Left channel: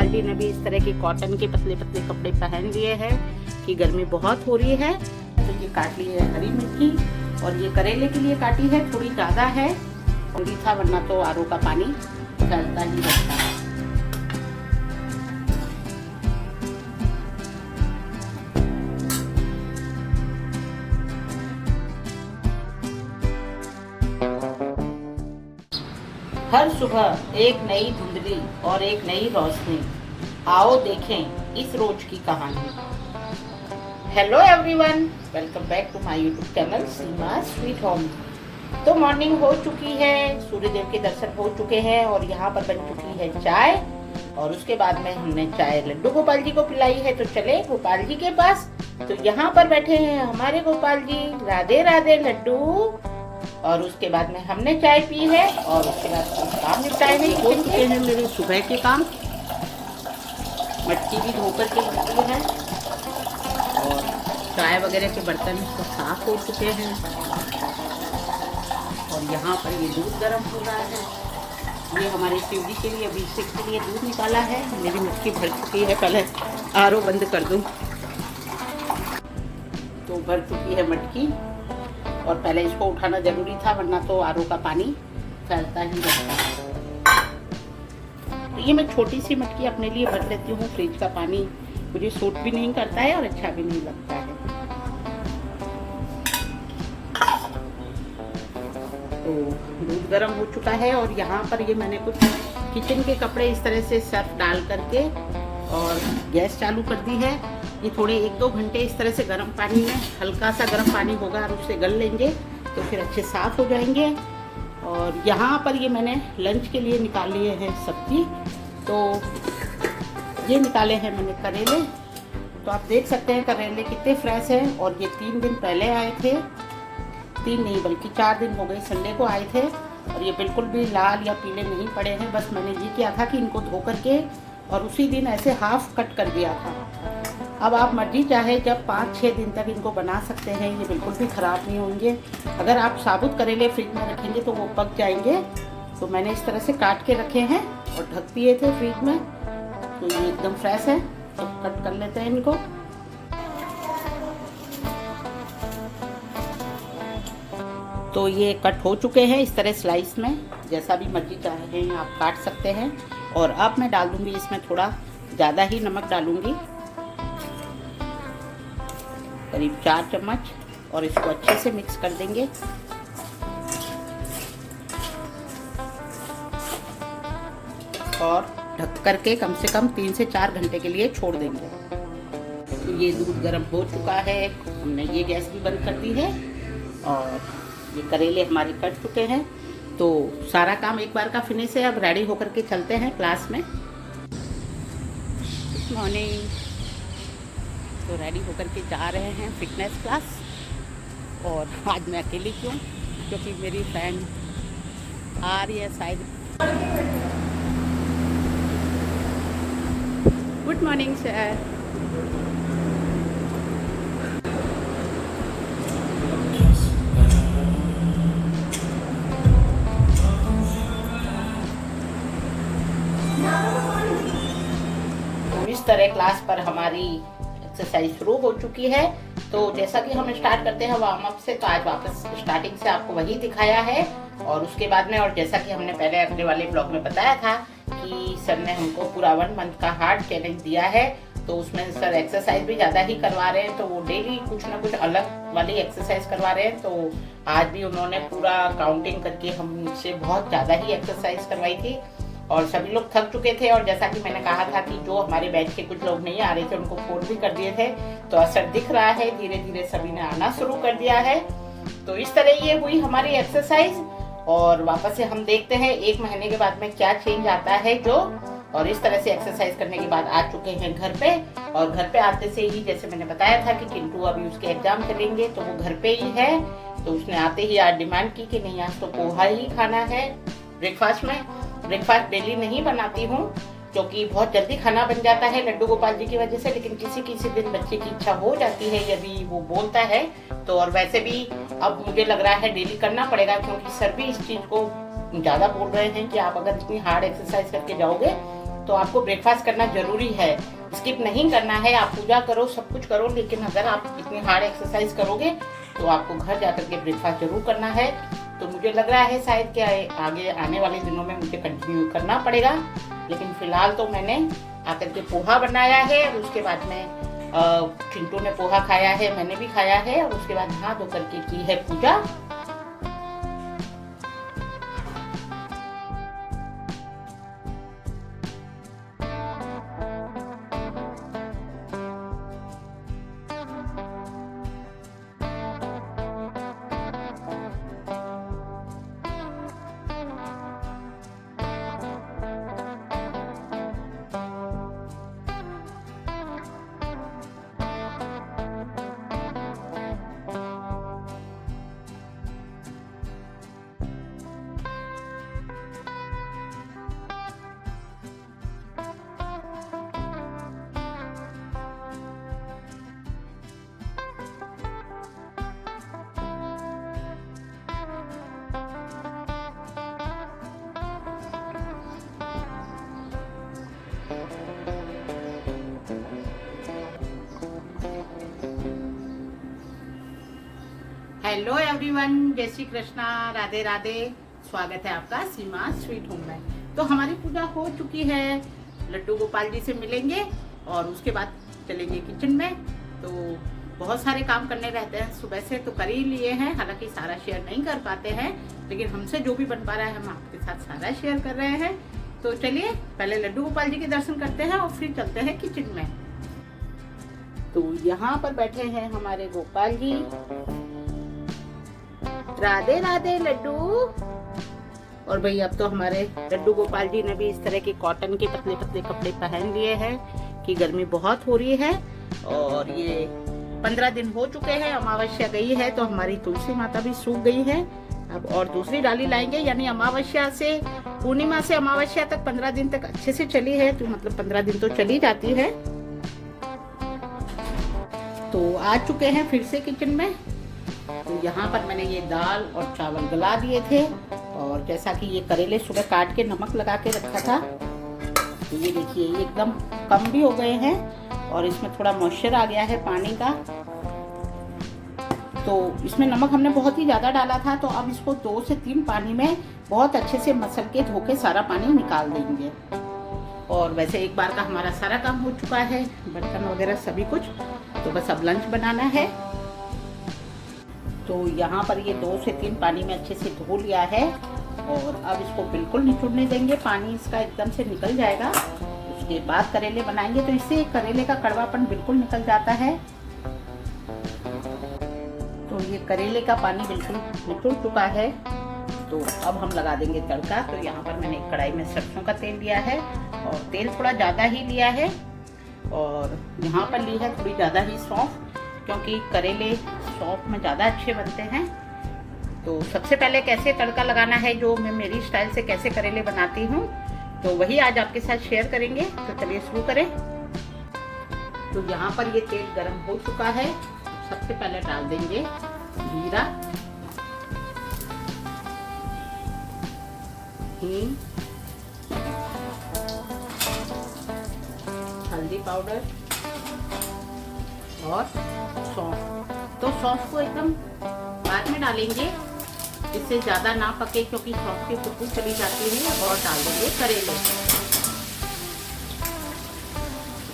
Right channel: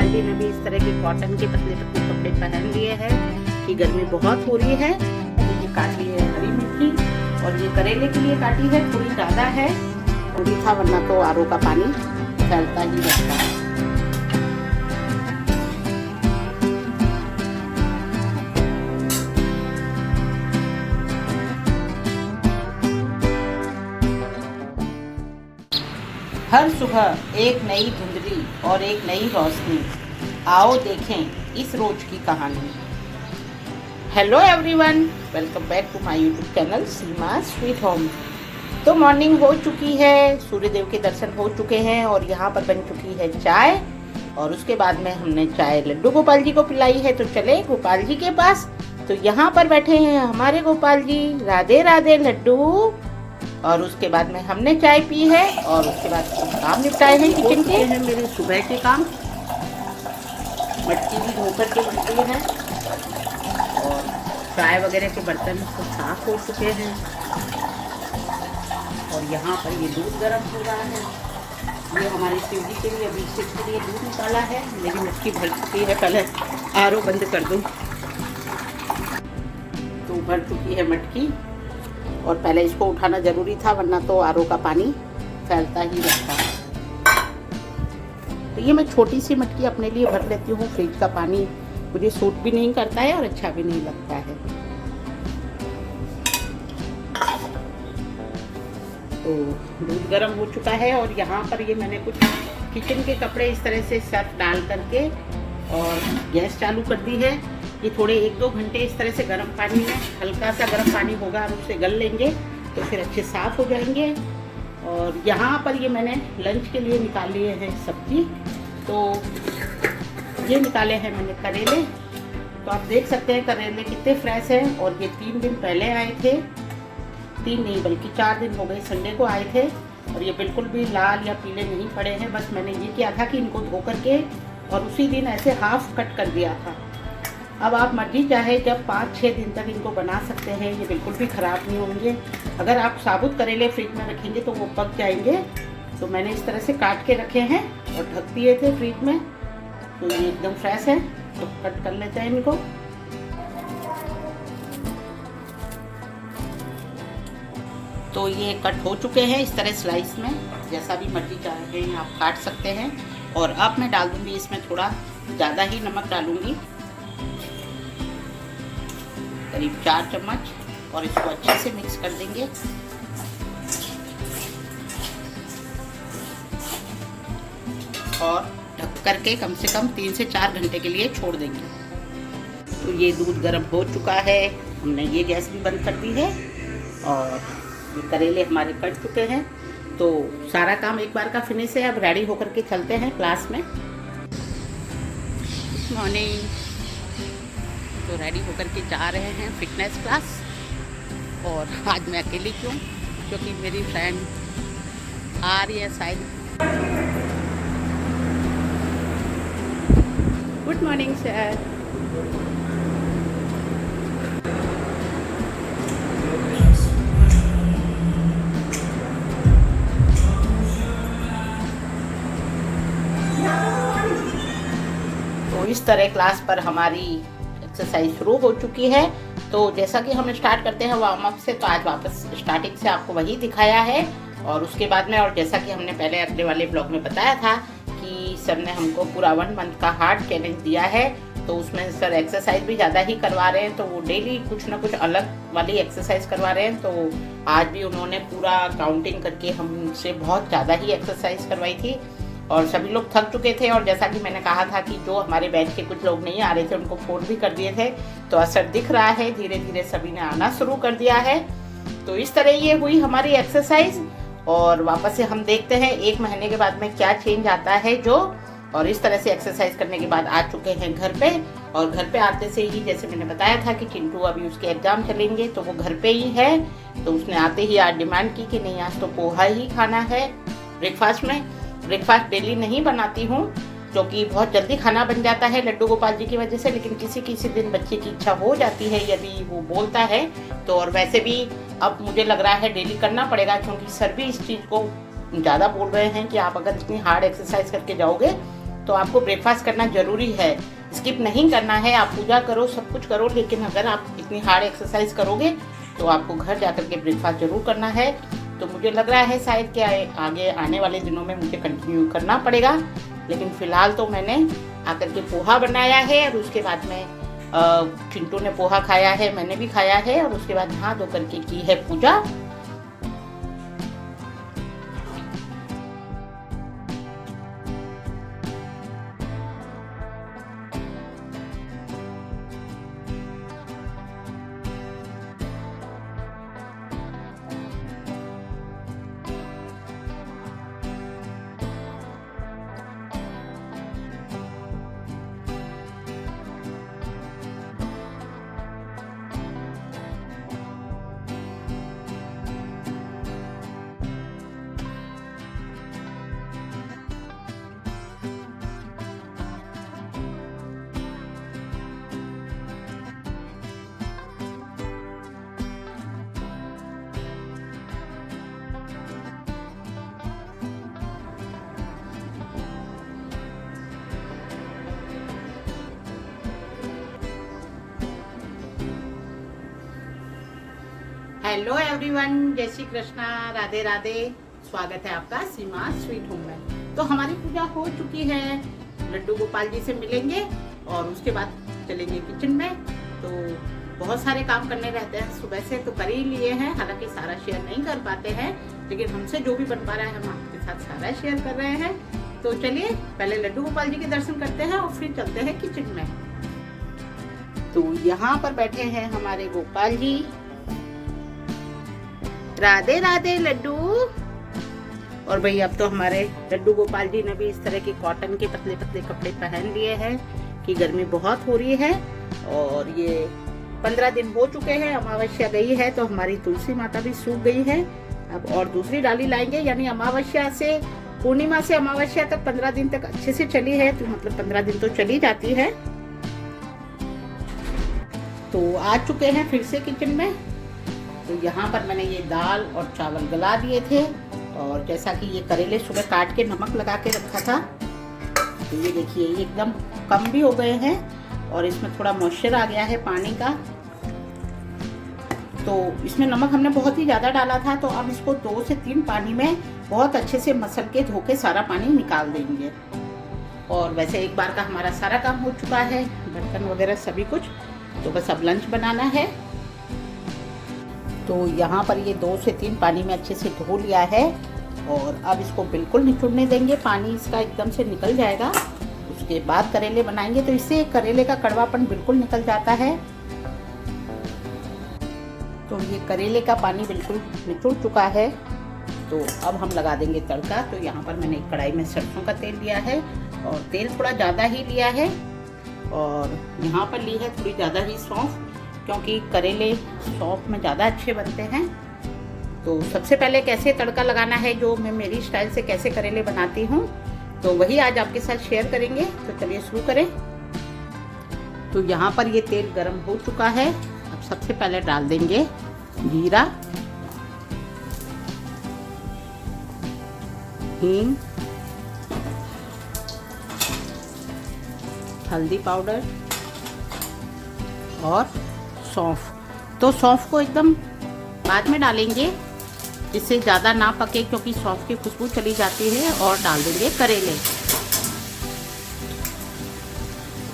गोपाल जी ने भी इस तरह के कॉटन के पतले पतले कपड़े पहन लिए हैं कि गर्मी बहुत हो रही है। तो ये काट ली है हरी मिर्ची और ये करेले के लिए काटी है, थोड़ी ज़्यादा है। थोड़ी था वरना तो आरओ का पानी फैलता ही रहता है। हर सुबह एक नई धुंधली और एक नई रोशनी, आओ देखें इस रोज की कहानी। Hello everyone, welcome back to my YouTube channel Seema sweet home. तो मॉर्निंग हो चुकी है, सूर्यदेव के दर्शन हो चुके हैं और यहाँ पर बन चुकी है चाय। और उसके बाद में हमने चाय लड्डू गोपाल जी को पिलाई है। तो चले गोपाल जी के पास। तो यहाँ पर बैठे हैं हमारे गोपाल जी, राधे राधे लड्डू। और उसके बाद में हमने चाय पी है और उसके बाद काम निपटाए हैं किचन के। हैं मेरे सुबह के काम, मटकी भी धोकर के रखी है और चाय वगैरह के बर्तन तो साफ हो चुके हैं। और यहाँ पर ये दूध गर्म हो रहा है। ये हमारे शिव जी के लिए अभिषेक के लिए दूध निकाला है। मेरी मटकी भर चुकी है, पहले आरओ बंद कर दूँ। तो भर चुकी है मटकी और पहले इसको उठाना जरूरी था वरना तो आरओ का पानी फैलता ही रहता है। तो ये मैं छोटी सी मटकी अपने लिए भर लेती हूँ। फ्रिज का पानी मुझे सूट भी नहीं करता है और अच्छा भी नहीं लगता है। तो दूध गर्म हो चुका है और यहाँ पर ये मैंने कुछ किचन के कपड़े इस तरह से सर्फ डाल करके और गैस चालू कर दी है। ये थोड़े 1-2 घंटे इस तरह से गर्म पानी में, हल्का सा गर्म पानी होगा और उससे गल लेंगे तो फिर अच्छे साफ हो जाएंगे। और यहाँ पर ये मैंने लंच के लिए निकाल लिए हैं सब्जी। तो ये निकाले हैं मैंने करेले। तो आप देख सकते हैं करेले कितने फ्रेश हैं और ये 3 दिन पहले आए थे। 3 नहीं बल्कि 4 दिन हो गए, संडे को आए थे। और ये बिल्कुल भी लाल या पीले नहीं पड़े हैं। बस मैंने ये किया था कि इनको धो करके और उसी दिन ऐसे हाफ कट कर दिया था। अब आप मर्जी चाहे जब 5-6 दिन तक इनको बना सकते हैं, ये बिल्कुल भी ख़राब नहीं होंगे। अगर आप साबुत करेले फ्रिज में रखेंगे तो वो पक जाएंगे। तो मैंने इस तरह से काट के रखे हैं और ढक दिए थे फ्रिज में। तो ये एकदम फ्रेश है। तो कट कर लेते हैं इनको। तो ये कट हो चुके हैं इस तरह स्लाइस में, जैसा भी मर्जी चाहे आप काट सकते हैं। और अब मैं डाल दूँगी इसमें थोड़ा ज़्यादा ही नमक डालूँगी, करीब 4 चम्मच। और इसको अच्छे से मिक्स कर देंगे। और ढक करके कम से कम 3 से 4 घंटे के लिए छोड़ देंगे। तो ये दूध गर्म हो चुका है, हमने ये गैस भी बंद कर दी है और ये करेले हमारे कट चुके हैं। तो सारा काम एक बार का फिनिश है। अब रेडी होकर के चलते हैं क्लास में। Good morning. तो रेडी होकर के जा रहे हैं फिटनेस क्लास। और आज मैं अकेली क्यों, क्योंकि मेरी फ्रेंड आ रही है शायद। Good morning sir. तो इस तरह क्लास पर हमारी एक्सरसाइज शुरू हो चुकी है। तो जैसा कि हम स्टार्ट करते हैं वार्म अप से, तो आज वापस स्टार्टिंग से आपको वही दिखाया है। और उसके बाद में, और जैसा कि हमने पहले अगले वाले ब्लॉग में बताया था कि सर ने हमको पूरा 1 मंथ का हार्ड चैलेंज दिया है। तो उसमें सर एक्सरसाइज भी ज़्यादा ही करवा रहे हैं। तो वो डेली कुछ ना कुछ अलग वाली एक्सरसाइज करवा रहे हैं। तो आज भी उन्होंने पूरा काउंटिंग करके हमसे बहुत ज़्यादा ही एक्सरसाइज करवाई थी और सभी लोग थक चुके थे। और जैसा कि मैंने कहा था कि जो हमारे बैच के कुछ लोग नहीं आ रहे थे उनको फोन भी कर दिए थे। तो असर दिख रहा है, धीरे धीरे सभी ने आना शुरू कर दिया है। तो इस तरह ये हुई हमारी एक्सरसाइज। और वापस से हम देखते हैं 1 महीने के बाद में क्या चेंज आता है जो। और इस तरह से एक्सरसाइज करने के बाद आ चुके हैं घर पे। और घर पे आते से ही जैसे मैंने बताया था कि चिंटू अभी उसके एग्जाम चलेंगे, तो वो घर पे ही है। तो उसने आते ही आज डिमांड की कि नहीं आज तो पोहा ही खाना है ब्रेकफास्ट में। ब्रेकफास्ट डेली नहीं बनाती हूँ क्योंकि बहुत जल्दी खाना बन जाता है लड्डू गोपाल जी की वजह से। लेकिन किसी किसी दिन बच्चे की इच्छा हो जाती है यदि वो बोलता है तो। और वैसे भी अब मुझे लग रहा है डेली करना पड़ेगा क्योंकि सर भी इस चीज़ को ज़्यादा बोल रहे हैं कि आप अगर इतनी हार्ड एक्सरसाइज करके जाओगे तो आपको ब्रेकफास्ट करना जरूरी है, स्किप नहीं करना है। आप पूजा करो, सब कुछ करो, लेकिन अगर आप इतनी हार्ड एक्सरसाइज करोगे तो आपको घर जाकर के ब्रेकफास्ट जरूर करना है। तो मुझे लग रहा है शायद कि आगे आने वाले दिनों में मुझे कंटिन्यू करना पड़ेगा, लेकिन फिलहाल तो मैंने आकर के पोहा बनाया है और उसके बाद में चिंटू ने पोहा खाया है, मैंने भी खाया है, और उसके बाद नहा धो करके की है पूजा। हेलो एवरीवन, जय श्री कृष्णा, राधे राधे। स्वागत है आपका सीमा स्वीट होम में। तो हमारी पूजा हो चुकी है, लड्डू गोपाल जी से मिलेंगे और उसके बाद चलेंगे किचन में। तो बहुत सारे काम करने रहते हैं, सुबह से तो कर ही लिए हैं, हालांकि सारा शेयर नहीं कर पाते हैं, लेकिन हमसे जो भी बन पा रहा है हम आपके साथ सारा शेयर कर रहे हैं। तो चलिए पहले लड्डू गोपाल जी के दर्शन करते हैं और फिर चलते हैं किचन में। तो यहाँ पर बैठे हैं हमारे गोपाल जी। राधे राधे लड्डू। और भाई अब तो हमारे लड्डू गोपाल जी ने भी इस तरह के कॉटन के पतले पतले कपड़े पहन लिए हैं कि गर्मी बहुत हो रही है। और ये 15 दिन हो चुके हैं, अमावस्या गई है तो हमारी तुलसी माता भी सूख गई है। अब और दूसरी डाली लाएंगे, यानी अमावस्या से पूर्णिमा से अमावस्या तक 15 दिन तक अच्छे से चली है, तो मतलब 15 दिन तो चली जाती है। तो आ चुके हैं फिर से किचन में। तो यहाँ पर मैंने ये दाल और चावल गला दिए थे, और जैसा कि ये करेले सुबह काट के नमक लगा के रखा था, तो ये देखिए ये एकदम कम भी हो गए हैं और इसमें थोड़ा मॉइस्चर आ गया है पानी का। तो इसमें नमक हमने बहुत ही ज़्यादा डाला था, तो अब इसको 2 से 3 पानी में बहुत अच्छे से मसल के धो के सारा पानी निकाल देंगे। और वैसे एक बार का हमारा सारा काम हो चुका है, बर्तन वगैरह सभी कुछ, तो बस अब लंच बनाना है। तो यहाँ पर ये 2 से 3 पानी में अच्छे से धो लिया है, और अब इसको बिल्कुल निचोड़ने देंगे, पानी इसका एकदम से निकल जाएगा। उसके बाद करेले बनाएंगे, तो इससे करेले का कड़वापन बिल्कुल निकल जाता है। तो ये करेले का पानी बिल्कुल निचोड़ चुका है, तो अब हम लगा देंगे तड़का। तो यहाँ पर मैंने कढ़ाई में सरसों का तेल लिया है, और तेल थोड़ा ज़्यादा ही लिया है, और यहाँ पर ली है थोड़ी ज़्यादा ही सौंफ, क्योंकि करेले सौंफ में ज़्यादा अच्छे बनते हैं। तो सबसे पहले कैसे तड़का लगाना है, जो मैं मेरी स्टाइल से कैसे करेले बनाती हूँ, तो वही आज आपके साथ शेयर करेंगे। तो चलिए शुरू करें। तो यहाँ पर ये तेल गरम हो चुका है। सबसे पहले डाल देंगे जीरा, हींग, हल्दी पाउडर और सौंफ। तो सौंफ को एकदम बाद में डालेंगे, जिससे ज़्यादा ना पके, क्योंकि सौंफ की खुशबू चली जाती है। और डाल देंगे करेले।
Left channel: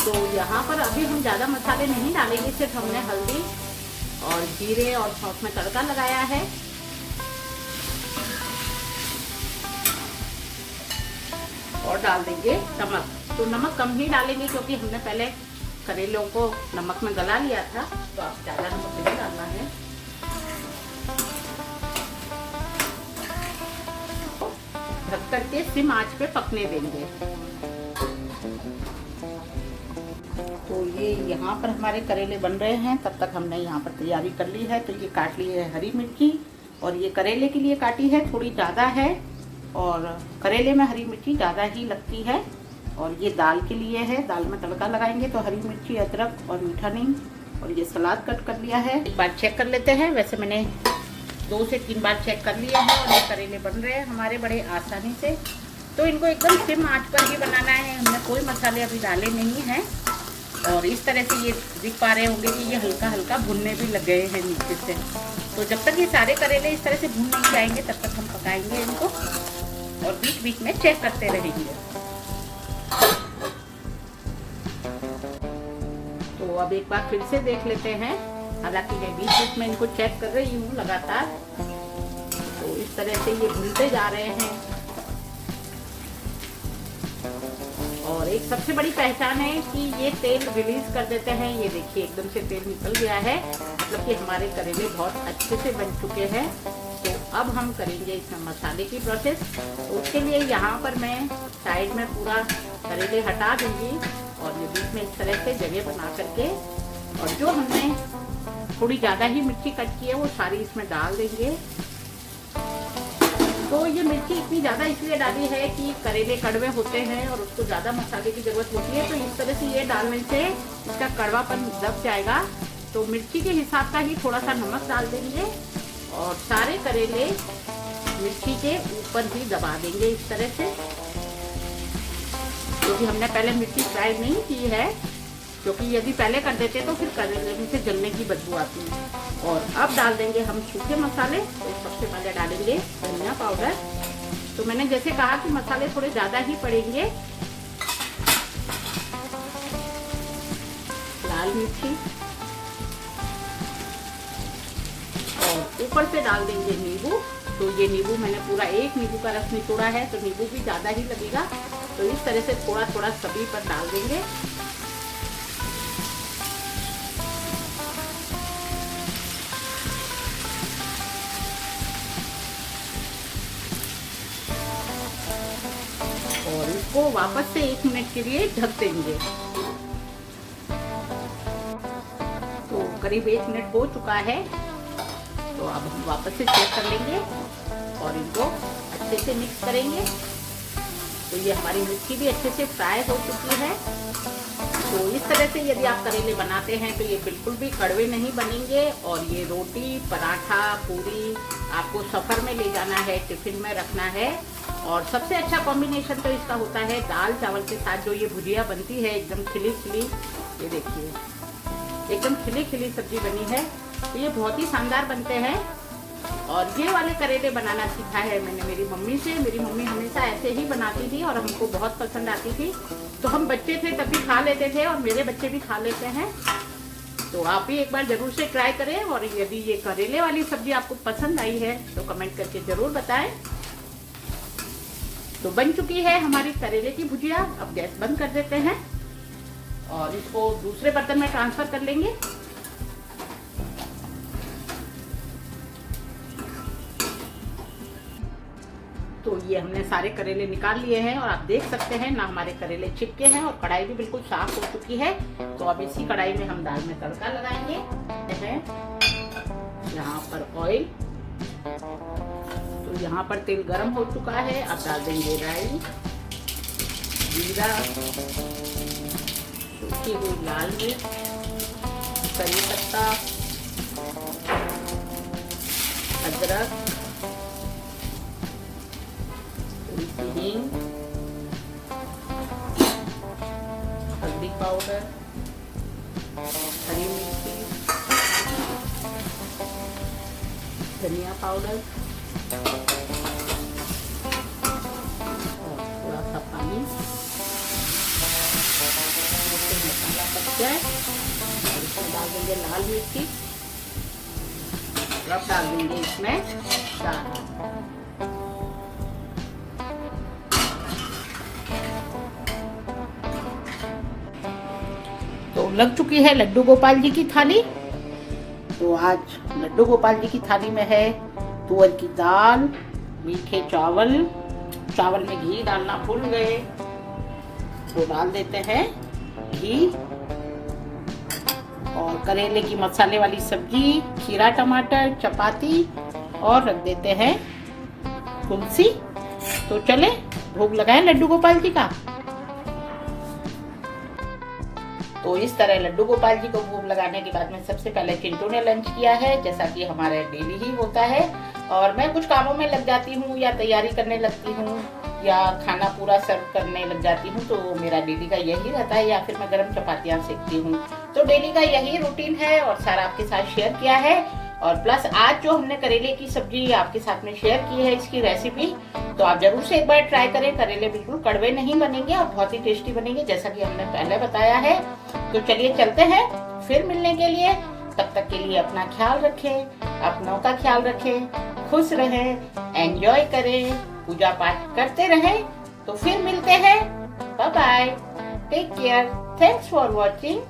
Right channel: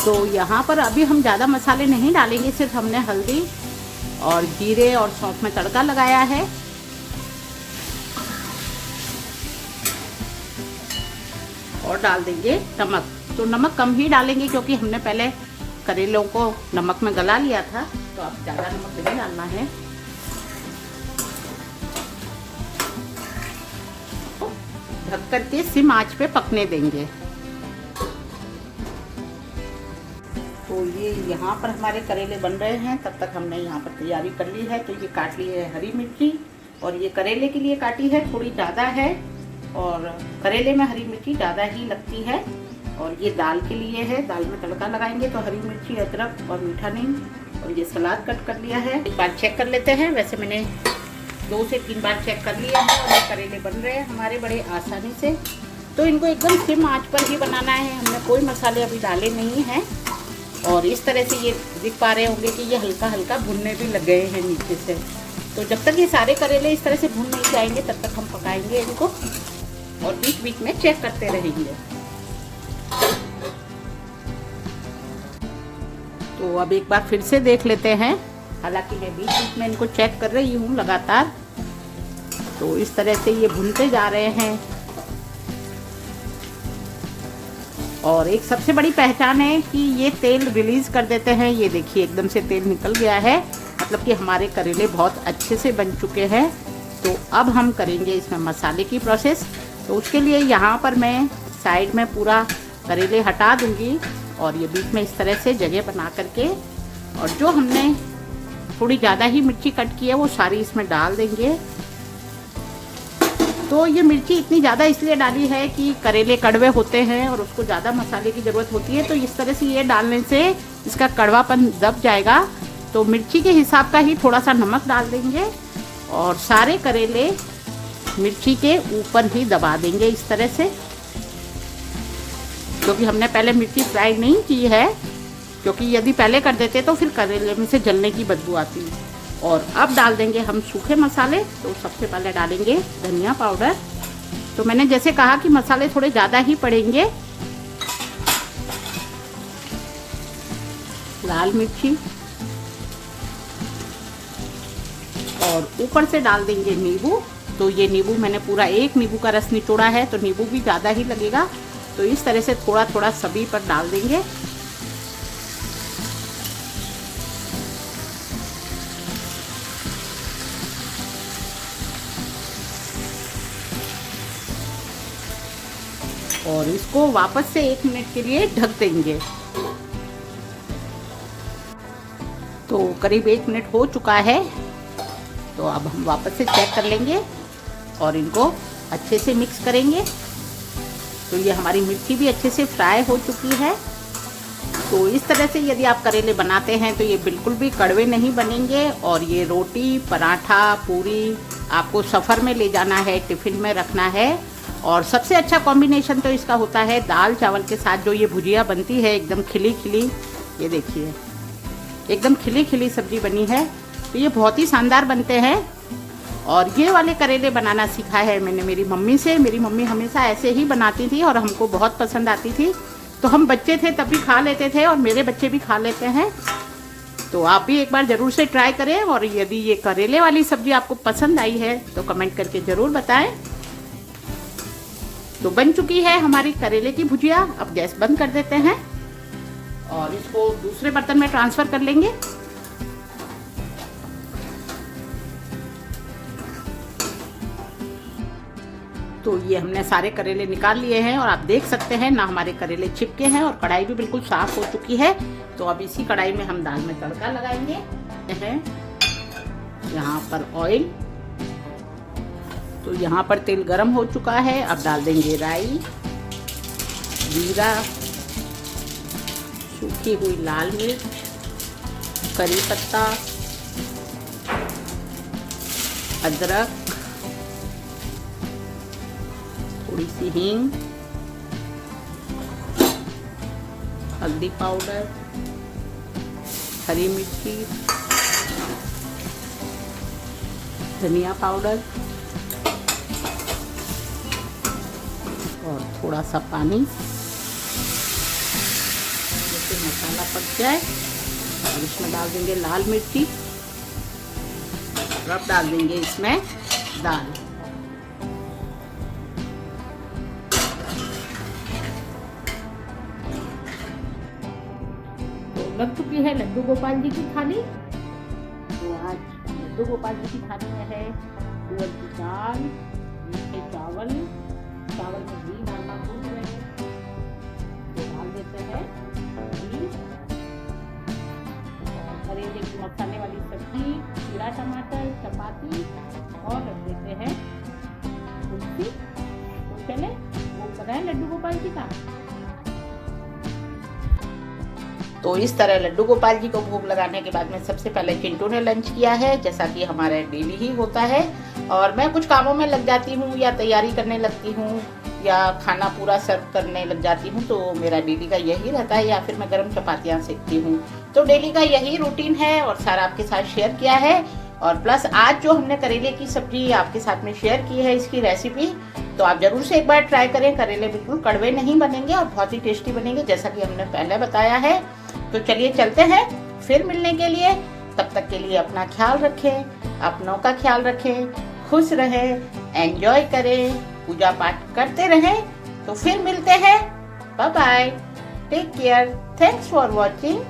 तो यहाँ पर अभी हम ज़्यादा मसाले नहीं डालेंगे, सिर्फ हमने हल्दी और जीरे और सौंफ में तड़का लगाया है। और डाल देंगे नमक। तो नमक कम ही डालेंगे, क्योंकि हमने पहले करेलों को नमक में गला लिया था, तो आप ज़्यादा नमक नहीं डालना है। ढक करके सिम आंच पे पकने देंगे। तो ये यहाँ पर हमारे करेले बन रहे हैं, तब तक हमने यहाँ पर तैयारी कर ली है। तो ये काट ली है हरी मिर्ची, और ये करेले के लिए काटी है, थोड़ी ज़्यादा है, और करेले में हरी मिर्ची ज़्यादा ही लगती है। और ये दाल के लिए है, दाल में तड़का लगाएंगे, तो हरी मिर्ची, अदरक और मीठा नीम, और ये सलाद कट कर लिया है। एक बार चेक कर लेते हैं। वैसे मैंने 2 से 3 बार चेक कर लिया है, और ये करेले बन रहे हैं हमारे बड़े आसानी से। तो इनको एकदम सिम आंच पर ही बनाना है। हमने कोई मसाले अभी डाले नहीं हैं। और इस तरह से ये दिख पा रहे होंगे कि ये हल्का हल्का भुनने भी लग गए हैं नीचे से। तो जब तक ये सारे करेले इस तरह से भुन नहीं जाएंगे तब तक हम पकाएंगे इनको और बीच बीच में चेक करते रहेंगे। तो अब एक बार फिर से देख लेते हैं। हालांकि मैं बीच बीच में इनको चेक कर रही हूँ लगातार। तो इस तरह से ये भुनते जा रहे हैं। और एक सबसे बड़ी पहचान है कि ये तेल रिलीज कर देते हैं। ये देखिए एकदम से तेल निकल गया है, मतलब कि हमारे करेले बहुत अच्छे से बन चुके हैं। तो अब हम करेंगे इसमें मसाले की प्रोसेस। तो उसके लिए यहाँ पर मैं साइड में पूरा करेले हटा दूंगी और ये बीच में इस तरह से जगह बना करके, और जो हमने थोड़ी ज़्यादा ही मिर्ची कट की है वो सारी इसमें डाल देंगे। तो ये मिर्ची इतनी ज़्यादा इसलिए डाली है कि करेले कड़वे होते हैं और उसको ज़्यादा मसाले की ज़रूरत होती है। तो इस तरह से ये डालने से इसका कड़वापन दब जाएगा। तो मिर्ची के हिसाब का ही थोड़ा सा नमक डाल देंगे और सारे करेले मिर्ची के ऊपर ही दबा देंगे इस तरह से, क्योंकि हमने पहले मिर्ची फ्राई नहीं की है। क्योंकि यदि पहले कर देते तो फिर करेले में से जलने की बदबू आती है। और अब डाल देंगे हम सूखे मसाले। तो सबसे पहले डालेंगे धनिया पाउडर। तो मैंने जैसे कहा कि मसाले थोड़े ज़्यादा ही पड़ेंगे। लाल मिर्ची और ऊपर से डाल देंगे नींबू। तो ये नींबू मैंने पूरा एक नींबू का रस निचोड़ा है, तो नींबू भी ज़्यादा ही लगेगा। तो इस तरह से थोड़ा थोड़ा सभी पर डाल देंगे। और इसको वापस से 1 मिनट के लिए ढक देंगे। तो करीब 1 मिनट हो चुका है। तो अब हम वापस से चेक कर लेंगे और इनको अच्छे से मिक्स करेंगे। तो ये हमारी मिर्ची भी अच्छे से फ्राई हो चुकी है। तो इस तरह से यदि आप करेले बनाते हैं तो ये बिल्कुल भी कड़वे नहीं बनेंगे। और ये रोटी, पराठा, पूरी आपको सफ़र में ले जाना है, टिफ़िन में रखना है। और सबसे अच्छा कॉम्बिनेशन तो इसका होता है दाल चावल के साथ। जो ये भुजिया बनती है एकदम खिली खिली, ये देखिए एकदम खिली खिली सब्जी बनी है। तो ये बहुत ही शानदार बनते हैं। और ये वाले करेले बनाना सीखा है मैंने मेरी मम्मी से। मेरी मम्मी हमेशा ऐसे ही बनाती थी और हमको बहुत पसंद आती थी। तो हम बच्चे थे तब भी खा लेते थे और मेरे बच्चे भी खा लेते हैं। तो आप भी एक बार ज़रूर से ट्राई करें। और यदि ये करेले वाली सब्जी आपको पसंद आई है तो कमेंट करके ज़रूर बताएं। तो बन चुकी है हमारी करेले की भुजिया। अब गैस बंद कर देते हैं और इसको दूसरे बर्तन में ट्रांसफर कर लेंगे। तो ये हमने सारे करेले निकाल लिए हैं और आप देख सकते हैं ना हमारे करेले चिपके हैं और कढ़ाई भी बिल्कुल साफ हो चुकी है। तो अब इसी कढ़ाई में हम दाल में तड़का लगाएंगे। यहाँ पर ऑयल, तो यहाँ पर तेल गरम हो चुका है। अब डाल देंगे राई, जीरा, सूखी हुई लाल मिर्च, करी पत्ता, अदरक, थोड़ी सी हींग, हल्दी पाउडर, हरी मिर्ची, धनिया पाउडर और थोड़ा सा पानी। मसाला पक जाए और इसमें डाल देंगे लाल मिर्ची। अब डाल देंगे इसमें दाल। तो लग चुकी है लड्डू गोपाल जी की थाली। तो आज लड्डू गोपाल जी की थाली में है तुअर की दाल, मीठे चावल, चावल में घी डालना भूल गए तो डाल देते हैं घी, और करेले की मसाले वाली सब्जी, खीरा टमाटर, चपाती और रख देते हैं तुलसी। तो चले भोग लगाएं लड्डू गोपाल जी का। तो इस तरह लड्डू गोपाल जी को भोग लगाने के बाद में सबसे पहले चिंटू ने लंच किया है, जैसा कि हमारा डेली ही होता है। और मैं कुछ कामों में लग जाती हूँ या तैयारी करने लगती हूँ। या खाना पूरा सर्व करने लग जाती हूँ, तो मेरा डेली का यही रहता है, या फिर मैं गर्म चपातियाँ सेकती हूँ। तो डेली का यही रूटीन है और सारा आपके साथ शेयर किया है। और प्लस आज जो हमने करेले की सब्जी आपके साथ में शेयर की है, इसकी रेसिपी, तो आप जरूर से एक बार ट्राई करें। करेले बिल्कुल कड़वे नहीं बनेंगे और बहुत ही टेस्टी बनेंगे, जैसा कि हमने पहले बताया है। तो चलिए चलते हैं फिर मिलने के लिए। तब तक के लिए अपना ख्याल रखें, अपनों का ख्याल रखें, खुश रहें, एंजॉय करें, पूजा पाठ करते रहें। तो फिर मिलते हैं। Bye bye, take care, thanks for watching.